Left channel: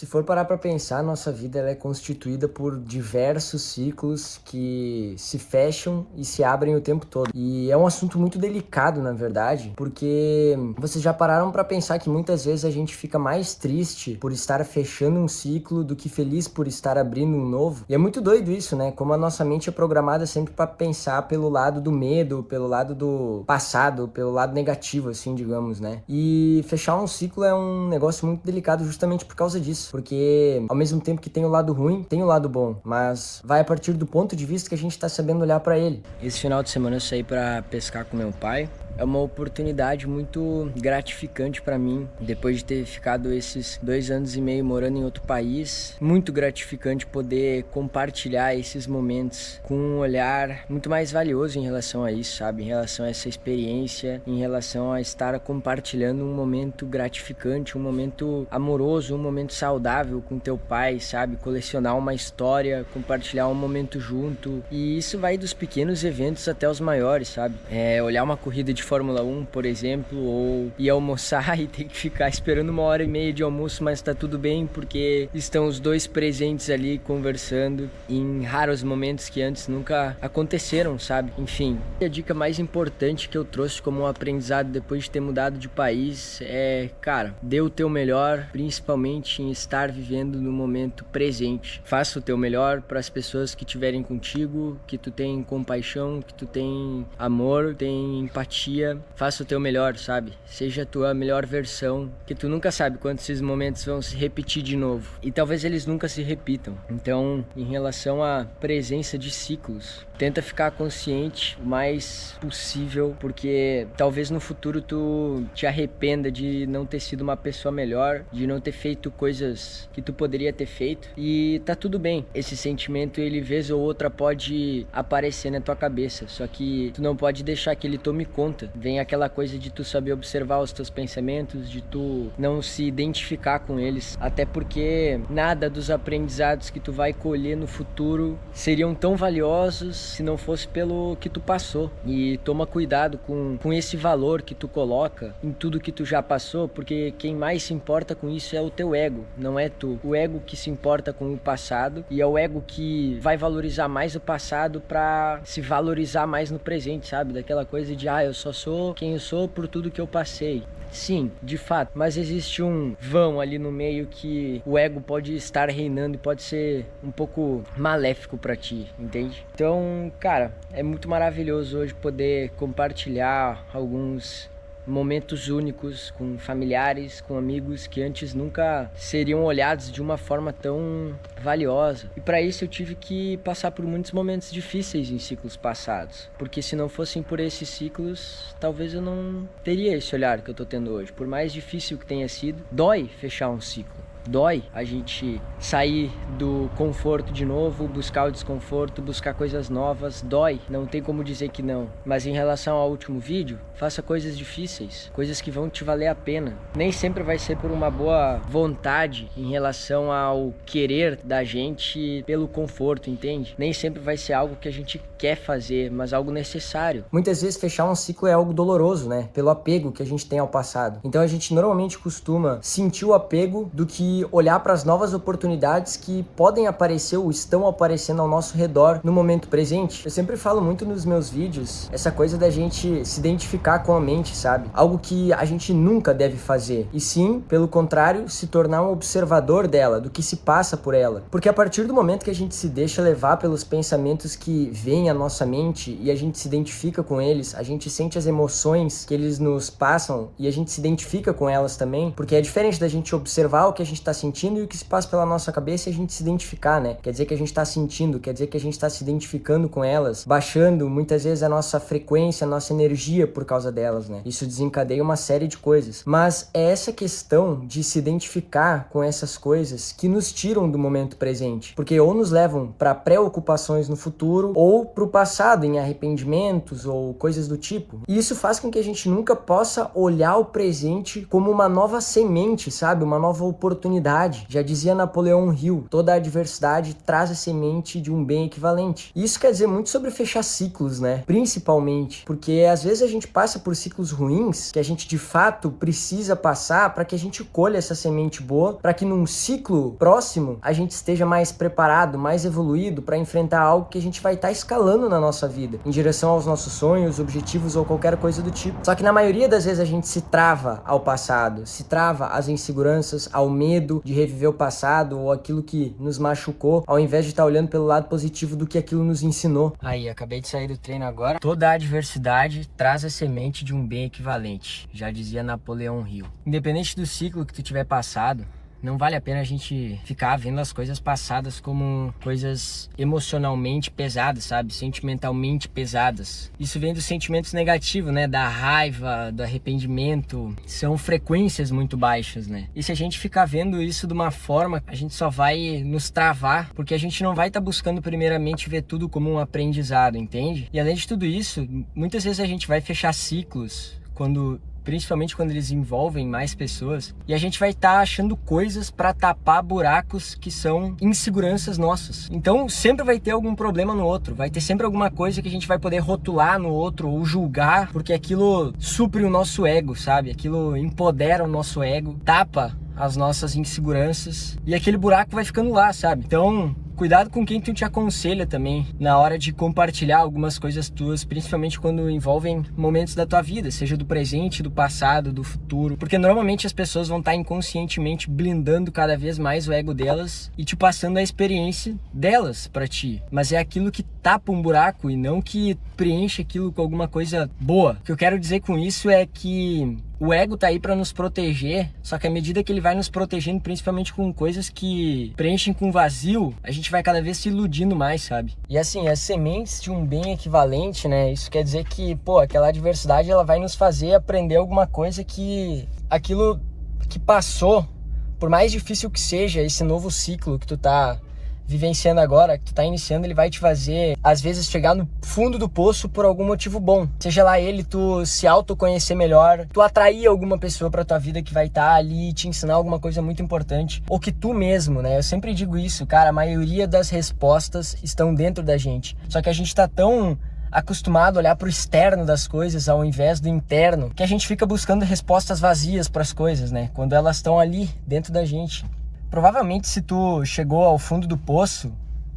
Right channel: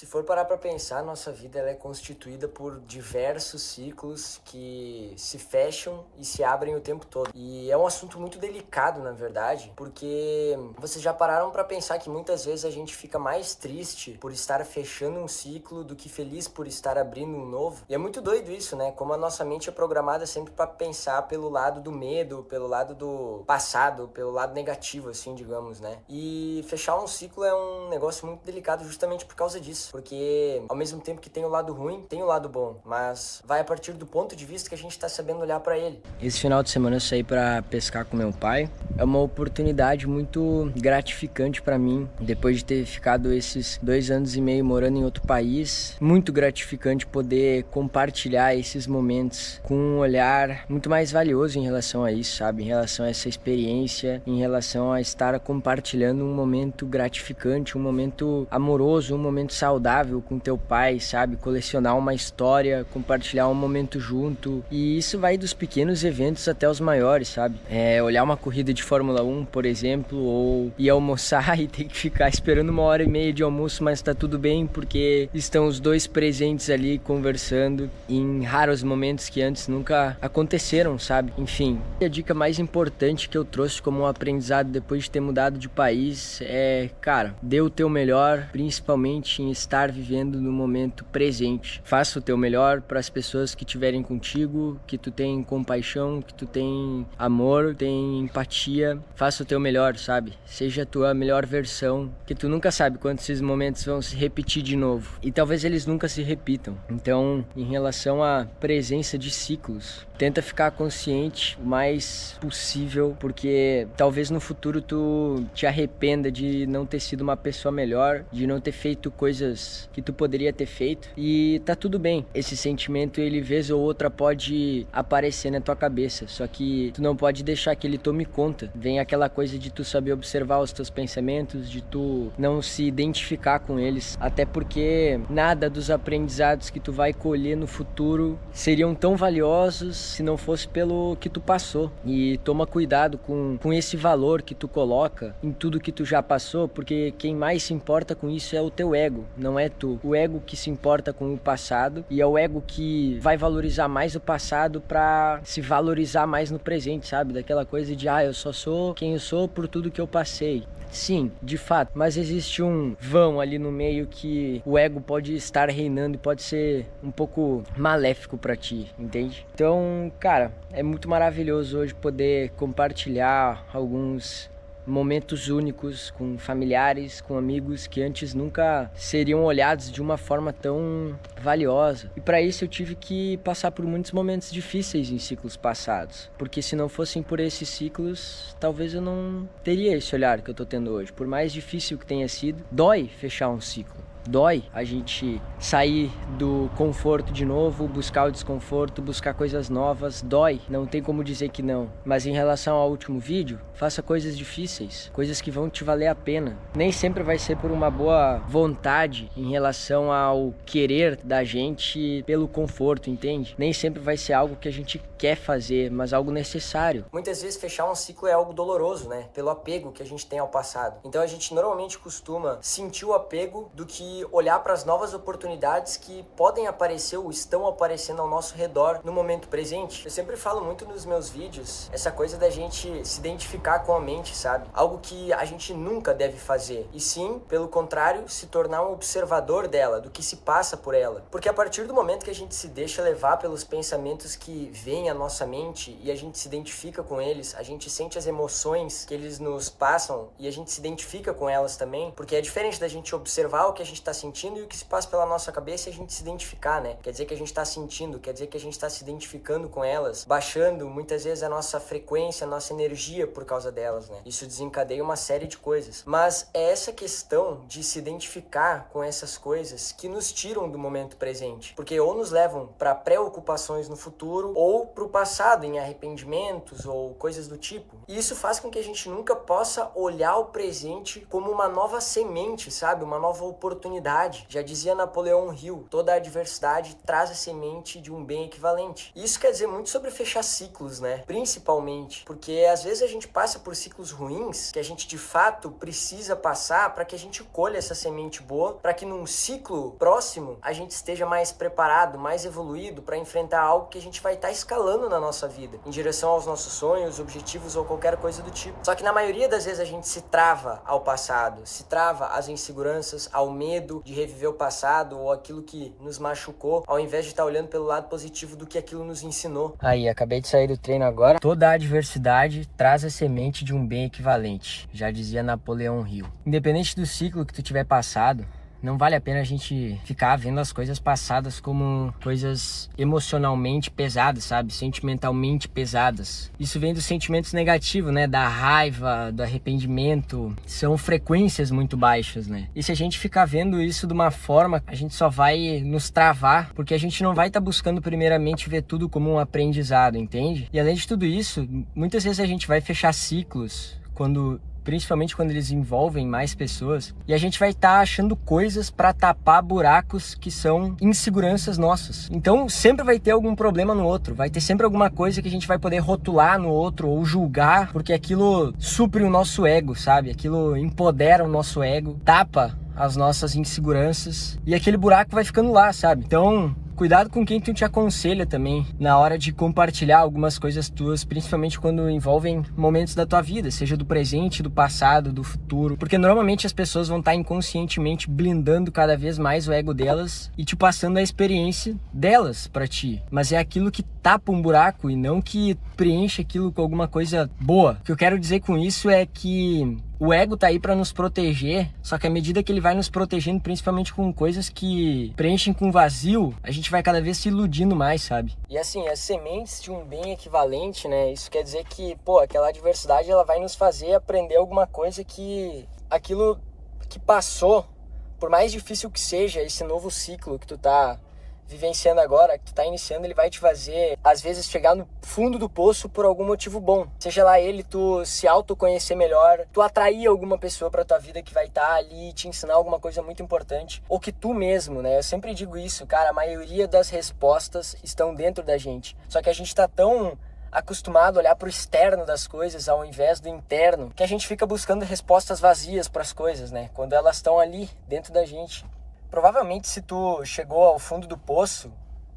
Se for parar pra pensar, nossa vida ela é constituída por diversos ciclos que se fecham e se abrem o tempo todo. E é um assunto muito delicado, na verdade, porque vocês já pararam pra pensar que muitas vezes a gente fica mais triste por estar fechando um ciclo do que feliz por estar abrindo um novo? E é muito doido isso, né? Como a nossa mente é programada sempre pra pensar pelo lado do medo, pelo lado do passado, pelo lado negativo, assim, digamos, né? E fechar um ciclo é um negócio muito delicado justamente por causa disso. Porque ao mesmo tempo que tem o lado ruim, tem o lado bom. Mas vai a partir do ponto de vista que a gente tá sabendo olhar pra ele. Esse final de semana eu saí pra pescar com meu pai. É uma oportunidade muito gratificante pra mim, depois de ter ficado esses 2 anos e meio morando em outro país. Muito gratificante poder compartilhar esses momentos com um olhar muito mais valioso em relação a isso, sabe? Em relação a essa experiência, em relação a estar compartilhando um momento gratificante, um momento amoroso, um momento saudável com teu pai, sabe? Colecionar uma história, compartilhar um momento junto. E isso vai dos pequenos eventos até os maiores, sabe? Olhar uma corrida de Fórmula 1, por exemplo, ou ir almoçar e ter que ficar esperando 1h30 de almoço, mas tá tudo bem porque estão os dois presentes ali conversando em raros momentos que antes nunca aconteceram, sabe? Enfim, a dica mais importante que eu trouxe como um aprendizado depois de ter mudado de país é, cara, dê o teu melhor, principalmente em estar vivendo no momento presente. Faça o teu melhor para as pessoas que estiverem contigo, que tu tem compaixão, que tu tem amor, tem empatia. Faça o teu melhor, sabe? Seja a tua melhor versão, que tu nunca sabe quando esses momentos vão se repetir de novo. E talvez eles nunca se repitam. Então, em relação à presença de ciclos, tenta ficar consciente o mais possível, porque talvez no futuro tu te arrependa de não ter sido uma pessoa melhor, de não ter feito coisas que tu poderia ter feito. E tá tudo bem. Esse sentimento, ele vez ou outra pode aparecer na tua cabeça, só que tu não pode deixar que ele tome conta. Vem aquela coisa de tu saber observar os teus pensamentos, de tu não se identificar com eles, até porque nada dos aprendizados que tu vai colher no futuro seriam tão valiosos se não fosse pelo que tu passou. E toma cuidado com esse valor que tu coloca em tudo que tu já passou, porque quem mais se importa com isso é o teu ego, não é tu. O ego que se importa com o passado, e é o ego que vai valorizar mais o passado pra se valorizar mais no presente, sabe? Daquela coisa de, eu só sou quem eu sou por tudo que eu passei. Sim, de fato, mas existe um vão ali no meio que o ego pode estar reinando e pode ser um pouco maléfico pra ti, entende? Então, cara, é muito maravilhoso hoje poder compartilhar alguns momentos únicos com familiares, com amigos que antes nunca seriam olhados de uma forma tão valiosa. E para isso eu tive que passar por muitos momentos difíceis em ciclos passados, porque se não fossem por esses ciclos, talvez eu não teria esse olhar que eu tô tendo hoje. Por mais difícil que tenha sido, dói fechar um ciclo. Dói a gente sair do conforto de novo, buscar o desconforto, buscar coisas novas. Dói, não tem como dizer que não. Mas em relação ao último vídeo, faça coisas difíceis, coisas que vão te valer a pena. Nem sempre vai ser por uma boa vontade em relação ao querer da gente pelo conforto, entende? Nem sempre vai ser algo que a gente quer fazer, mas algo necessário. Muitas vezes fechar um ciclo é algo doloroso, né? Pelo apego que a gente tem ao passado. Então a gente normalmente costuma sentir o apego do que olhar para as novas oportunidades que podem aparecer ou estão aparecendo ao nosso redor no momento presente. Eu sempre falo muito nos meus vídeos essa coisa da gente se identificar com a mente, sabe? Algo que a gente nunca deve fazer. E sim, pelo contrário, se tornar um observador dela, do que se passa por ela. Porque a partir do momento que a gente se deixa levar pelos pensamentos que vêm à nossa mente e a gente se identifica com eles, a gente sente as emoções que eles nos passam e a gente se identifica com elas também, porque é diferente da gente observar o que a gente está sentindo e o que se passa pela nossa cabeça e a gente se identificar, né? Quer dizer que a gente está sentindo, quer dizer que a gente está se identificando com elas, baixando muitas vezes a nossa frequência, a nossa energia por causa delas, né? Isso desencadeia uma série de coisas. Mas é essa questão de se identificar com essas coisas que nos tiram do momento presente, porque ou nos levam para preocupações no futuro ou para o passado, em arrependimentos ou coisas do tipo. E isso faz com que a gente nunca possa olhar o presente como uma nova semente, sabe? Uma nova oportunidade oportunidade. Já dizia Napoleão Hill, toda adversidade traz a semente de um bem equivalente. E isso quer dizer muito sobre fechar ciclos, né? Principalmente, porque às vezes a gente passa por ciclos ruins que a gente de fato precisa passar para que a gente colha essa semente boa, para que num ciclo próximo a gente esteja mais preparado, mais evoluído para enfrentar algo que a gente vai estar escalando na nossa vida, em direção aos nossos sonhos, objetivos ou qualquer coisa do tipo. Só que na maioria das vezes a gente se trava ao passado, se trava às inseguranças, ao medo de reviver o passado ou aquilo que nos machucou, ao invés de estar olhando pelo lado positivo do que aquilo nos ensinou. Aí, acabei de sair do treino agora. Toda adversidade traz a semente de um bem equivalente, já dizia Napoleão Hill. Independente do ciclo que tu tiver passado, não vale a pena a gente ficar vendo as coisas passadas como coisas emocionalmente pesadas, sabe? Sentimentalmente pesadas. Isso vem dos sentimentos negativos, né? Da raiva, do arrependimento. São frequências muito baixas, né? E se a gente ficar vendo isso de uma forma, a gente só vai nos travar, porque a gente não vai estar buscando primeiramente ver tudo como um aprendizado, entende? E além de tudo isso, muitas vezes a gente vai fechar ciclos principalmente quando eles envolvem mais pessoas, e a gente vai estar achando coisas para tapar buracos que são inseguranças nossas. Então sempre vai ter algum problema no outro, vai ter sempre alguma coisa que a gente vai poder rotular no outro ou julgar, porque aquilo supre o nosso ego, sabe? Aquilo empodera o nosso ego, tapa as nossas inseguranças e aquele buraco vai ficando lá, sabe? Então, cuidado com quem tu te aconselha também na hora de compartilhar algumas coisas tuas, principalmente quando envolvem momentos da tua vida, seja do presente, do passado, do futuro, porque normalmente as pessoas vão estar inconscientemente blindando cada vez mais o ego delas e te passando a experiência delas pra ti, mas é aquilo que tapa um buraco e não que preenche aquilo com alguma coisa boa. O que eu quero dizer com isso é que o ego tá aí para nos proteger, só que à medida que ele vai nos protegendo, principalmente com coisas que preenchem com vazio, a gente vai cada vez se iludindo mais, sabe? E assim, as sementes de um bem equivalente, né? Isso quer dizer que, aquela adversidade, ela vai nos fazer aprender alguma coisa que aquilo que passou, por mais difícil que seja esse novo ciclo que tu tá vivenciando agora, que tu tá iniciando, ele vai te fazer, às vezes, chegar no fundo do poço por algum motivo bom. Seja lá ele, tu se autoconhecer melhor, tu atrair alguma pessoa pra tua vida que vai estar ali e te ensinar alguma coisa muito importante, ou que tu mesmo, né? Eu sempre digo isso, cara, a maioria das respostas estão dentro da gente. Só que a gente tá tão acostumado a olhar pro externo das coisas ao invés do interno, que a gente fica buscando respostas vazias pras coisas, né? Quando elas estão ali, dentro da gente. Provavelmente, se tu chegou ao fundo do poço,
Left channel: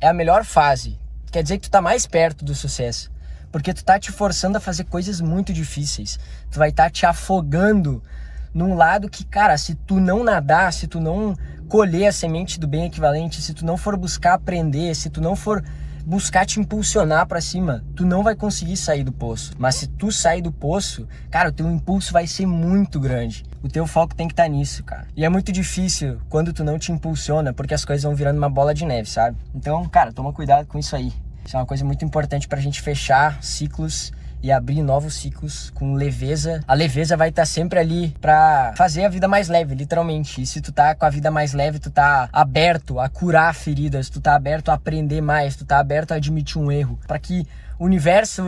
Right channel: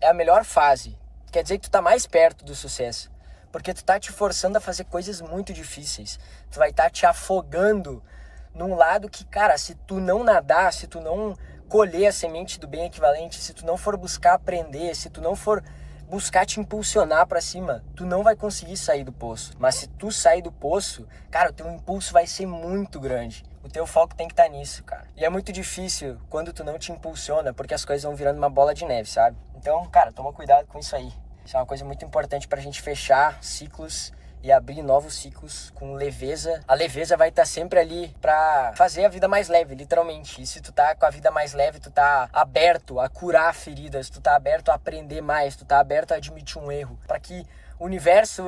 é a melhor fase. Quer dizer que tu tá mais perto do sucesso. Porque tu tá te forçando a fazer coisas muito difíceis. Tu vai estar te afogando num lado que, cara, se tu não nadar, se tu não colher a semente do bem equivalente, se tu não for buscar aprender, se tu não for buscar te impulsionar pra cima, tu não vai conseguir sair do poço. Mas se tu sair do poço, cara, o teu impulso vai ser muito grande. O teu foco tem que estar nisso, cara. E é muito difícil quando tu não te impulsiona, porque as coisas vão virando uma bola de neve, sabe? Então, cara, toma cuidado com isso aí. Isso é uma coisa muito importante pra gente fechar ciclos e abrir novos ciclos com leveza. A leveza vai estar sempre ali pra fazer a vida mais leve, literalmente. E se tu tá com a vida mais leve, tu tá aberto a curar feridas, tu tá aberto a aprender mais, tu tá aberto a admitir um erro, pra que o universo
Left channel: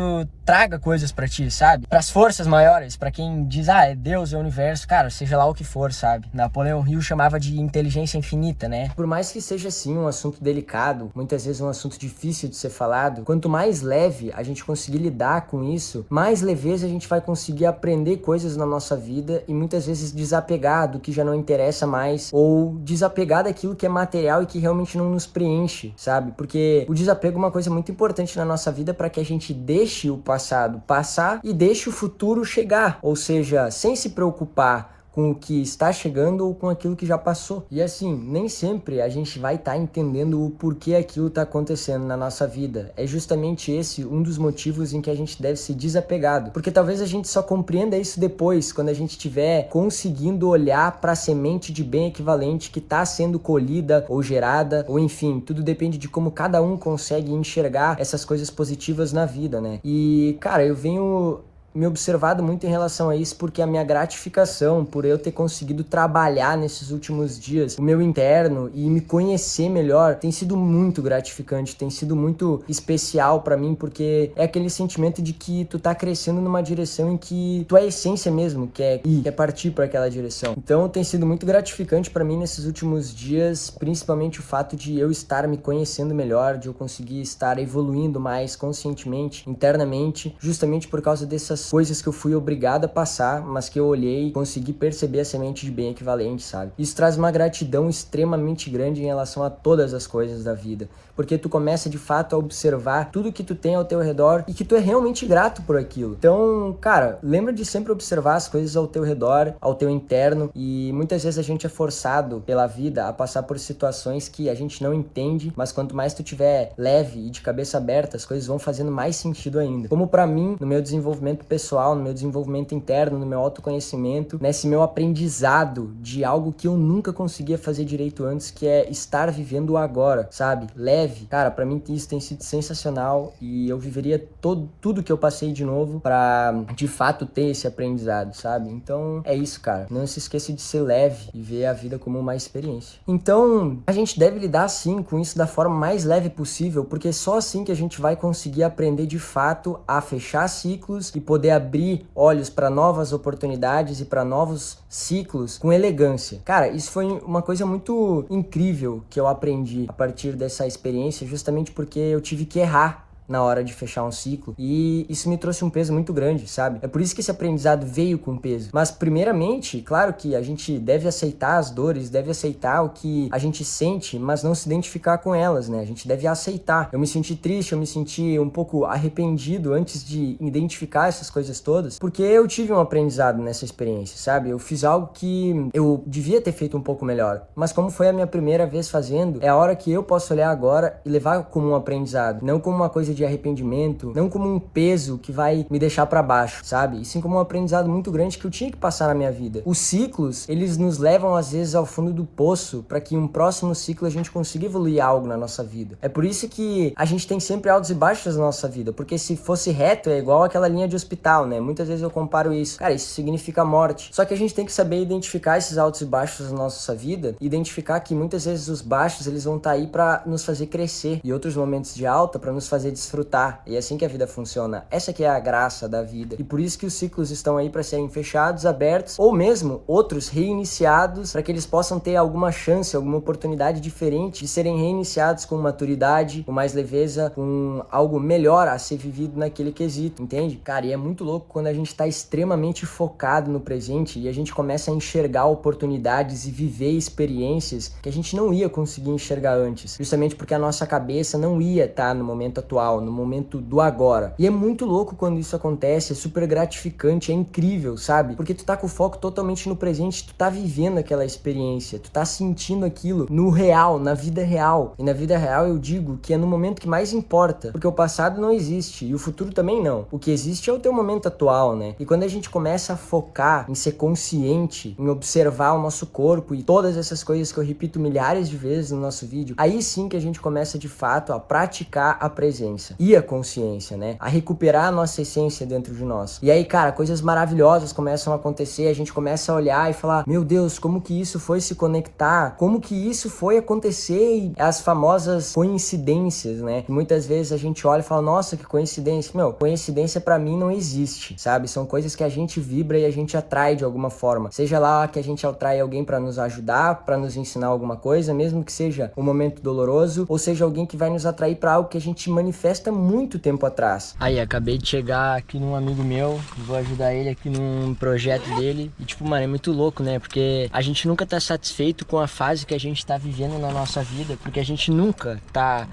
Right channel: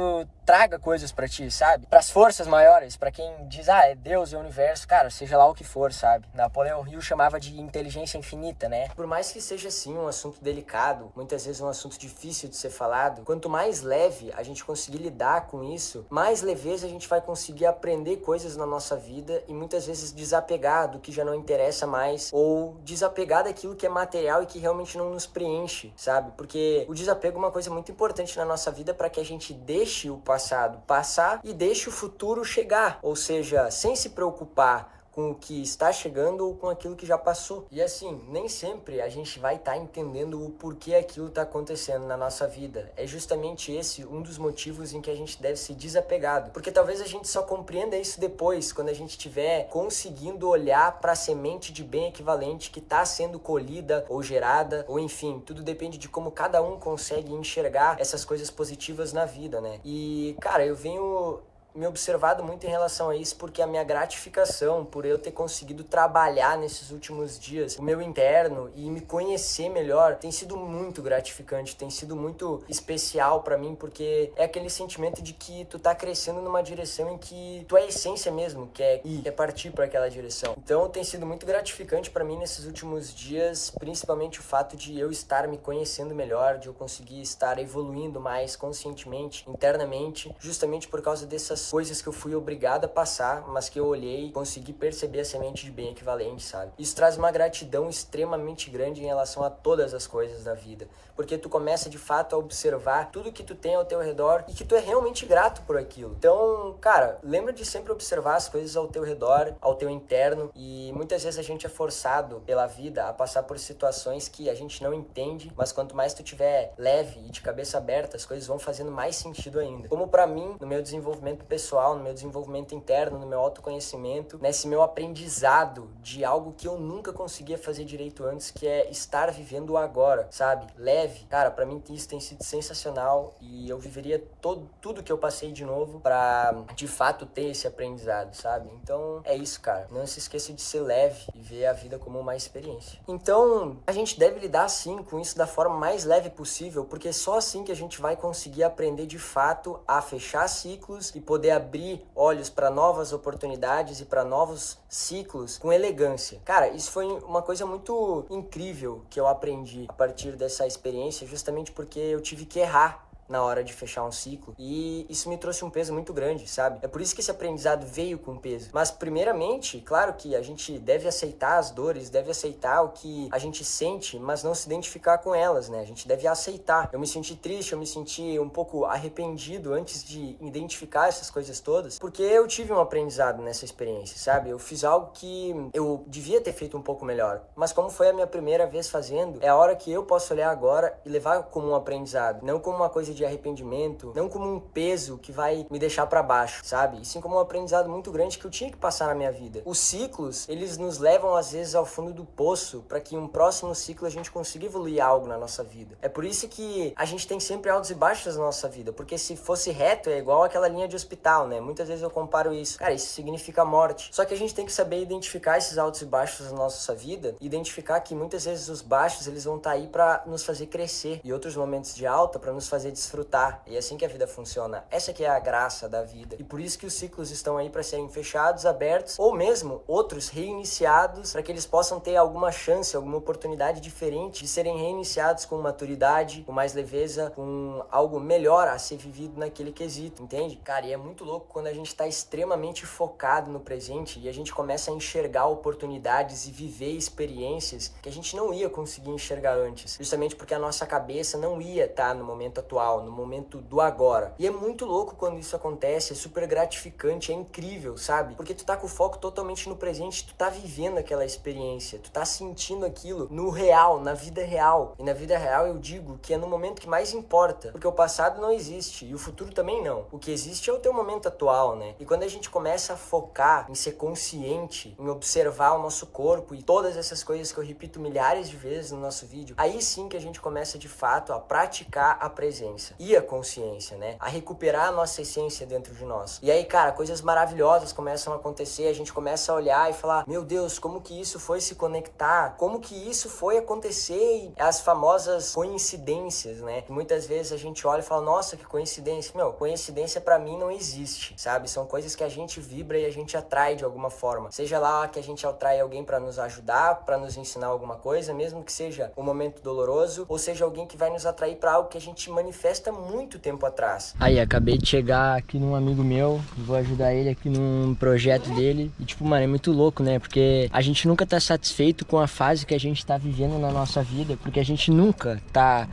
traga coisas pra ti, sabe? Pras forças maiores, pra quem diz, é Deus, é o universo, cara, seja lá o que for, sabe? Napoleão Hill chamava de inteligência infinita, né? Por mais que seja, assim, um assunto delicado, muitas vezes um assunto difícil de ser falado, quanto mais leve a gente conseguir lidar com isso, mais leveza a gente vai conseguir aprender coisas na nossa vida e muitas vezes desapegar do que já não interessa mais ou desapegar daquilo que é material e que realmente não nos preenche, sabe? Porque o desapego é uma coisa muito importante na nossa vida para que a gente deixe o passado passar e deixe o futuro chegar, ou seja, sem se preocupar com o que está chegando ou com aquilo que já passou. E assim, nem sempre a gente vai estar entendendo o porquê aquilo está acontecendo na nossa vida. É justamente esse um dos motivos em que a gente deve ser desapegado. Porque talvez a gente só compreenda isso depois, quando a gente estiver conseguindo olhar para a semente de bem equivalente que está sendo colhida ou gerada, ou enfim, tudo depende de como cada um consegue enxergar essas coisas positivas na vida, né? E, cara, eu venho me observado muito em relação a isso, porque a minha gratificação por eu ter conseguido trabalhar nesses últimos dias o meu interno e me conhecer melhor tem sido muito gratificante, tem sido muito especial pra mim, porque é aquele sentimento de que tu tá crescendo numa direção em que tu é a essência mesmo, quer partir pra aquela direção. Então tem sido muito gratificante pra mim nesses últimos dias, principalmente o fato de eu estar me conhecendo melhor, de eu conseguir estar evoluindo mais conscientemente, internamente, justamente por causa dessas coisas que eu fui obrigado a passar, mas que eu olhei e consegui perceber a semente de bem equivalente, sabe? Isso traz uma gratidão extremamente grande em relação a todas as coisas da vida, porque tu começa de fato a observar tudo que tu tem ao teu redor e que tu é realmente grato por aquilo. Então, cara, lembra de sempre observar as coisas ao teu redor, ao teu interno, e muitas vezes a gente é forçado pela vida a passar por situações que a gente não entende, mas quanto mais tu tiver leve e de cabeça aberta, as coisas vão fazendo mais sentido ainda. Como pra mim, no meu desenvolvimento pessoal, no meu desenvolvimento interno, no meu autoconhecimento, nesse meu aprendizado de algo que eu nunca conseguia fazer direito antes, que é estar vivendo o agora, sabe? Leve. Cara, pra mim isso tem sido sensacional e eu viveria tudo que eu passei de novo pra, de fato, ter esse aprendizado, sabe? Então, é isso, cara. Não se esqueça de ser leve e ver a vida como uma experiência. Então, a gente deve lidar, sim, com isso da forma mais leve possível, porque só assim que a gente vai conseguir aprender, de fato, a fechar ciclos e poder abrir olhos pra novas oportunidades e pra novos ciclos com elegância. Cara, isso foi uma coisa muito incrível que eu aprendi a partir dessa experiência, justamente porque eu tive que errar na hora de fechar um ciclo, e isso me trouxe um peso muito grande, sabe? É por isso que esse aprendizado veio com peso. Mas primeiramente, claro que a gente deve aceitar as dores, deve aceitar o que a gente sente, mas não se identificar com elas, né? A gente deve aceitar. Eu me senti triste, eu me senti um pouco arrependido antes de identificar essas coisas todas, porque eu tive um aprendizado nessa experiência, sabe? Eu fiz algo que eu devia ter feito um pouco melhor, mas como foi a minha primeira vez fazendo, é a hora que eu posso olhar agora e levar como um aprendizado, não como uma coisa de arrependimento, não como um peso que vai me deixar pra baixo, sabe? E sim como um aprendizado muito grande que eu tinha que passar na minha vida. Os ciclos, eles nos levam às vezes ao fundo do poço para que em um próximo ciclo a gente consiga evoluir algo na nossa vida. É por isso que a gente tem sempre altos e baixos na nossa vida, porque se fosse reto é igual aquela linha de hospital, né? Muitas vezes eu comparo isso. Cara, isso significa morte. Só que a gente tem que saber identificar esses altos e baixos na nossa vida, identificar que muitas vezes os baixos, eles vão estar aí para nos fazer crescer e outros momentos de alta para nos fazer desfrutar. E é assim que a vida funciona. Essa que é a graça da vida. E por isso que os ciclos estão aí para serem fechados, abertos, ou mesmo outros reiniciados, para que eles possam ter alguma chance, alguma oportunidade diferente de serem reiniciados com maturidade, com mais leveza, com algo melhor a ser vivido naquele quesito, entende? Cara, e é muito louco quando a gente tá extremamente focado no presente e a gente começa a enxergar oportunidades e viver experiências que a gente não ia conseguir enxergar antes, justamente porque a nossa cabeça não ia estar no momento atual, no momento do agora. E é muito louco quando isso acontece, é super gratificante, é incrível, sabe? Porque tu tá com o foco totalmente no presente, tu tá vivendo aquela experiência, tu tá sentindo aquilo no real, na vida real. E na vida real eu digo que é no momento que mais importa, porque o passado não existe e o futuro também não. O que existe é o teu momento atual, né? E quando a gente começa a focar em ser consciente, em observar o nosso corpo e todas essas coisas que eu repito milhares de vezes no nosso vídeo, aí sim que a gente começa de fato a praticar a presença e a consciência, né? A recuperar a nossa essência dentro de nós. E aí, cara, coisas maravilhosas começam a acontecer, a gente começa a olhar e falar, meu Deus, como que isso foi se conectar? Como que isso foi acontecer? E as famosas coincidências, né? Que muitas vezes a gente olha e fala, nossa, que coincidência. Meu, coincidência pra mim não existe, sabe? São coisas que a gente vibra e a gente atrai de alguma forma. Seja lá que a gente atrai alguém pra nos ajudar, pra nos ensinar alguma coisa, mesmo que seja um momento doloroso, ou seja alguém que vai nos atrair pra algo que a gente manifesta muito tempo atrás. Aí, acabei de chegar aqui num amigo meu, vou ajudar ele aqui num projeto dele. E tipo, mano, é muito louco, né? Porque a gente nunca tá satisfeito com a fase que a gente tá vivendo na nossa vida, porque a gente nunca tá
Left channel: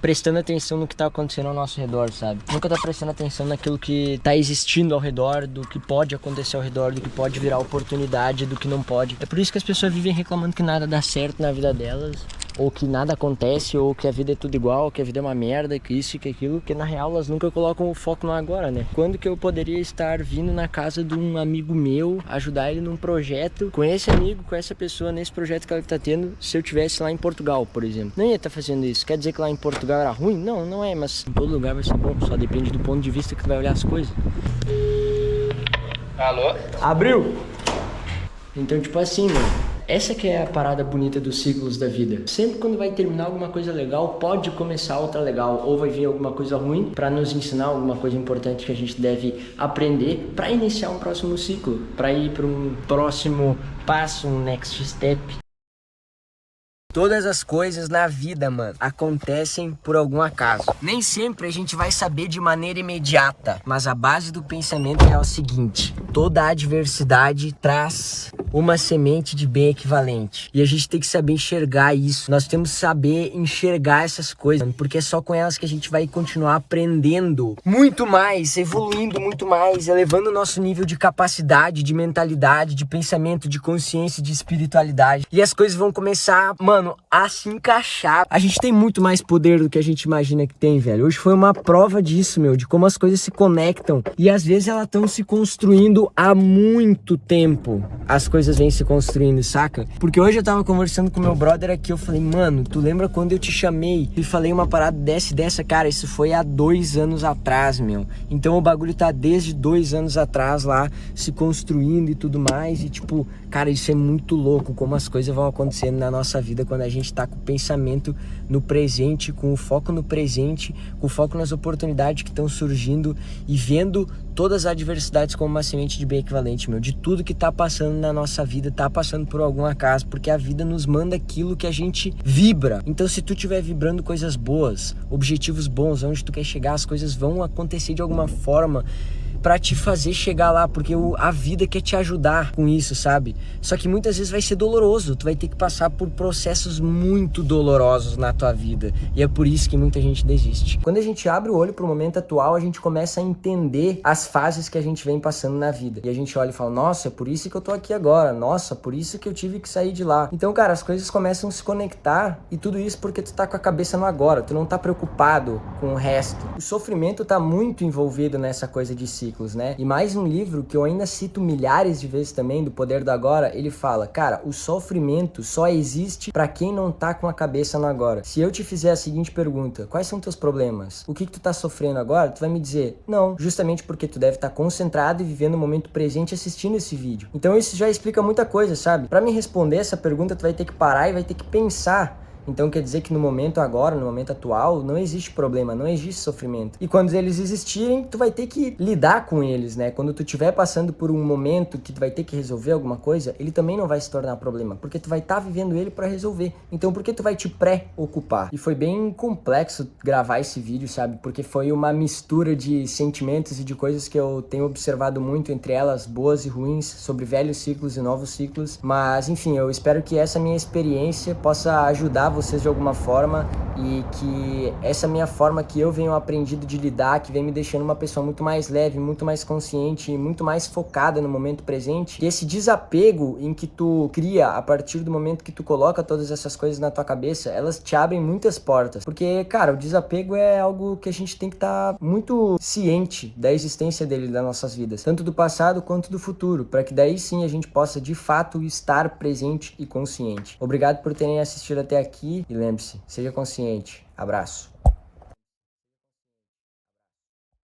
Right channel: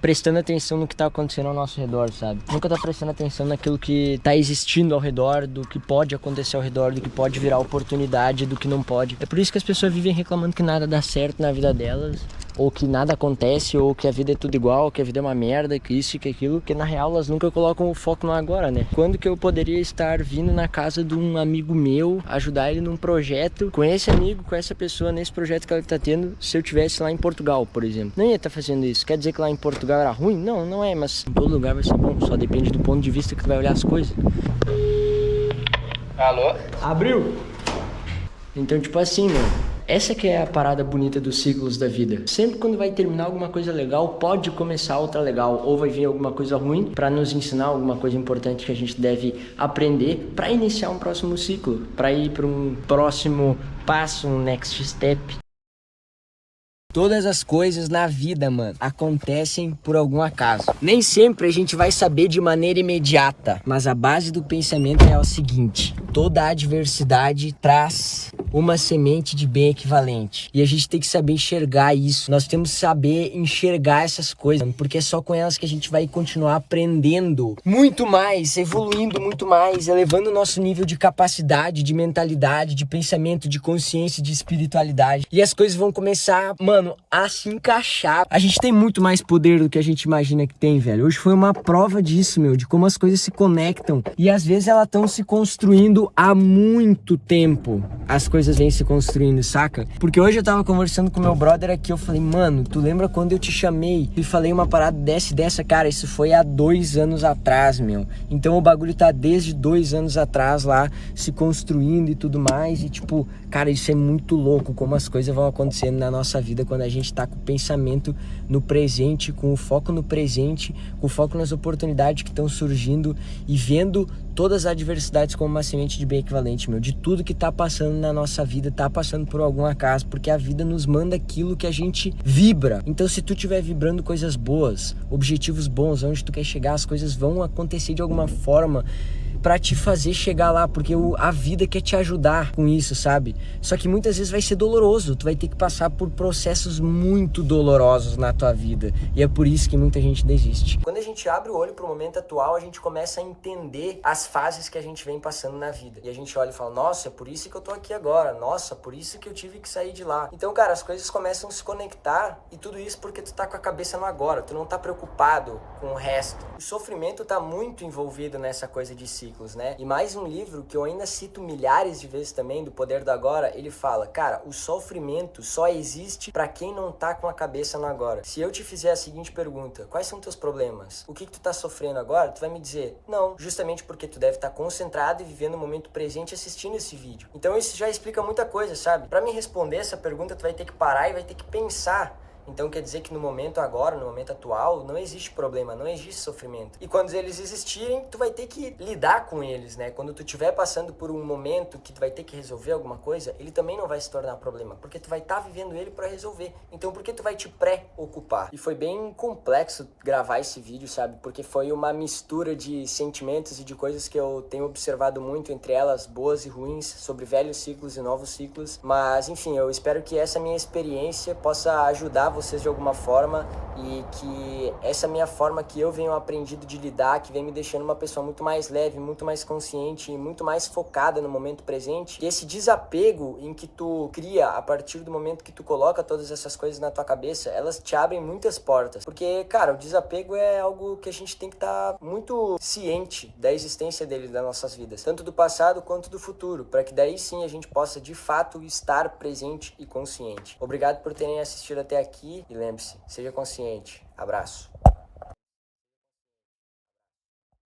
prestando atenção no que tá acontecendo ao nosso redor, sabe? Nunca tá prestando atenção naquilo que tá existindo ao redor, do que pode acontecer ao redor, do que pode virar oportunidade, do que não pode. É por isso que as pessoas vivem reclamando que nada dá certo na vida delas, ou que nada acontece, ou que a vida é tudo igual, que a vida é uma merda, que isso e que aquilo, porque na real elas nunca colocam o foco no agora, né? Quando que eu poderia estar vindo na casa de um amigo meu, ajudar ele num projeto, com esse amigo, com essa pessoa, nesse projeto que ele tá tendo, se eu tivesse lá em Portugal, por exemplo? Não ia estar fazendo isso. Quer dizer que lá em Portugal era ruim? Não, não é, mas em todo lugar vai ser bom, só depende do ponto de vista que tu vai olhar as coisas. Alô? Abriu! Então, tipo assim, mano, essa que é a parada bonita dos ciclos da vida. Sempre quando vai terminar alguma coisa legal, pode começar outra legal, ou vai vir alguma coisa ruim para nos ensinar alguma coisa importante que a gente deve aprender para iniciar um próximo ciclo, para ir para um próximo passo, um next step. Todas as coisas na vida, mano, acontecem por algum acaso. Nem sempre a gente vai saber de maneira imediata, mas a base do pensamento é o seguinte: toda adversidade traz uma semente de bem equivalente. E a gente tem que saber enxergar isso. Nós temos que saber enxergar essas coisas, porque é só com elas que a gente vai continuar aprendendo muito mais, evoluindo muito mais, elevando o nosso nível de capacidade, de mentalidade, de pensamento, de consciência, de espiritualidade. E as coisas vão começar, mano, a se encaixar. A gente tem muito mais poder do que a gente imagina que tem, velho. Hoje foi uma prova disso, meu, de como as coisas se conectam. E às vezes elas estão se construindo há muito tempo. As coisas vêm se construindo, saca? Porque hoje eu tava conversando com meu brother aqui, eu falei, mano, tu lembra quando eu te chamei e falei uma parada dessa? Cara, isso foi há 2 anos atrás, meu. Então o bagulho tá desde 2 anos atrás lá, se construindo e tudo mais. E tipo, cara, isso é muito louco, como as coisas vão acontecendo na nossa vida quando a gente tá com o pensamento no presente, com o foco no presente, com o foco nas oportunidades que estão surgindo e vendo todas as adversidades como uma semente de bem equivalente, meu. De tudo que tá passando na nossa vida, tá passando por algum acaso, porque a vida nos manda aquilo que a gente vibra. Então, se tu estiver vibrando coisas boas, objetivos bons, onde tu quer chegar, as coisas vão acontecer de alguma forma pra te fazer chegar lá, porque a vida quer te ajudar com isso, sabe? Só que muitas vezes vai ser doloroso, tu vai ter que passar por processos muito dolorosos na tua vida, e é por isso que muita gente desiste. Quando a gente abre o olho pro momento atual, a gente começa a entender as fases que a gente vem passando na vida, e a gente olha e fala, nossa, é por isso que eu tô aqui agora, nossa, por isso que eu tive que sair de lá. Então, cara, as coisas começam a se conectar, e tudo isso porque tu tá com a cabeça no agora, tu não tá preocupado com o resto. O sofrimento tá muito envolvido nessa coisa de ciclo, né? E mais um livro que eu ainda cito milhares de vezes também, do Poder do Agora, ele fala, cara, o sofrimento só existe pra quem não tá com a cabeça no agora. Se eu te fizer a seguinte pergunta, quais são teus problemas? O que tu tá sofrendo agora? Tu vai me dizer, não, justamente porque tu deve estar concentrado e vivendo o momento presente assistindo esse vídeo. Então isso já explica muita coisa, sabe? Pra me responder essa pergunta, tu vai ter que parar e vai ter que pensar. Então quer dizer que no momento agora, no momento atual, não existe problema, não existe sofrimento. E quando eles existirem, tu vai ter que lidar com eles, né? Quando tu estiver passando por um momento que tu vai ter que resolver alguma coisa, ele também não vai se tornar problema, porque tu vai estar vivendo ele para resolver. Então por que tu vai te pré-ocupar? E foi bem complexo gravar esse vídeo, sabe? Porque foi uma mistura de sentimentos e de coisas que eu tenho observado muito, entre elas boas e ruins, sobre velhos ciclos e novos ciclos. Mas enfim, eu espero que essa minha experiência possa ajudar vocês de alguma forma e que essa minha forma que eu venho aprendido de lidar, que vem me deixando uma pessoa muito mais leve, muito mais consciente e muito mais focada no momento presente, que esse desapego em que tu cria a partir do momento que tu coloca todas essas coisas na tua cabeça, elas te abrem muitas portas, porque, cara, o desapego é algo que a gente tem que estar muito ciente da existência dele nas nossas vidas, tanto do passado quanto do futuro, para que daí sim a gente possa de fato estar presente e consciente. Obrigado por terem assistido até aqui. E lembre-se, seja consciente. Abraço.